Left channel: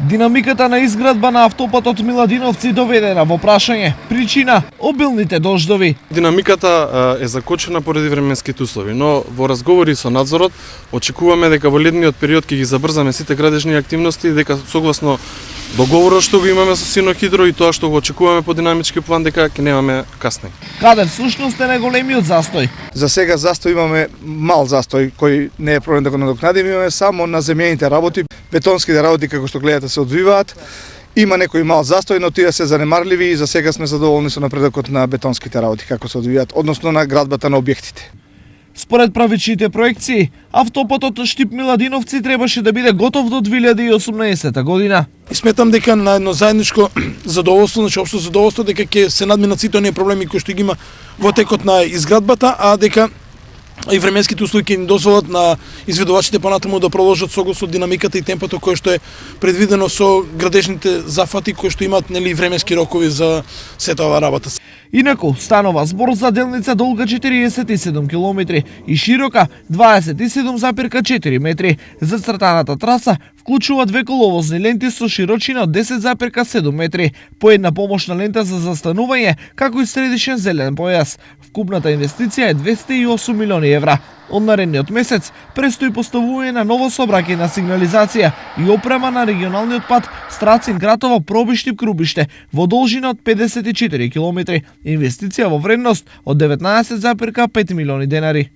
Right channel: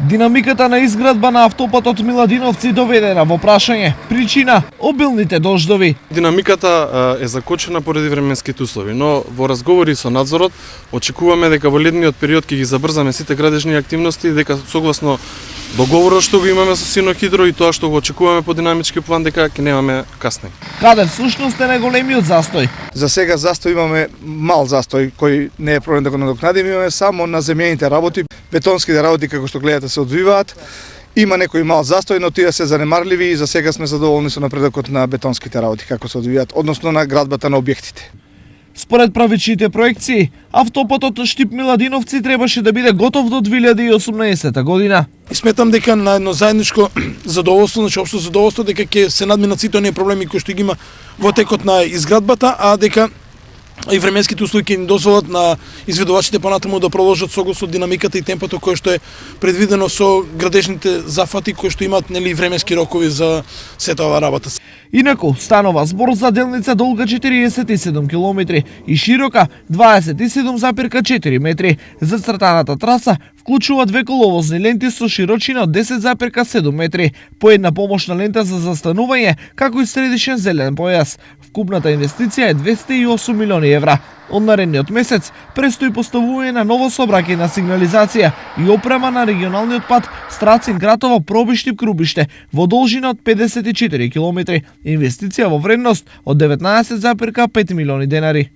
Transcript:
Динамиката на изградба на автопатот Миладиновци доведена во прашање. Причина – обилните дождови. Очекуваме дека во летниот период ќе ги завршиме сите градишни активности и како совместно да го расшируваме сите екипи и тоа што очекуваме по динамички план дека немаме каска. Каде всушност е најголемиот застој? За сега застој имаме мал застој, кој не е проблем да го не отпада, имаме само на земјаните работи, потомските работи како што гледате се одвиваат. Има некои мал застој, но тие се занемарливи и за сега сме задоволни со напредокот на бетонските работи како се одвиваат, односно на градбата на објектите. Според правичните проекции, автопатот Штип Миладиновци требаше да биде готов до 2018 година. Сметам дека е много заедничко за да се уште се дека ќе се најдеме сите проблеми кои што има протекот на изградбата, а дека извремешните институции им дозволат на изградбачите понатаму да проложат согласно динамиката и темпото кои што предвидени со градежните закупи кои што имат велики рокови за секава работа. Инаку, станува збор за делница долга 47 км и широка 27,4 метри. Зацртаната траса вклучува две коловозни ленти со широчина од 10,7 метри, по една помошна лента за застанување, како и средишен зелен појас. Вкупната инвестиција е 208 милиони евра. Од наредниот месец престои поставување на ново сообраќајна сигнализација и опрема на регионалниот пат Страцин-Гратово Пробиштип-Крубиште во должина од 54 км. Инвестиција во вредност од 19,5 милиони денари.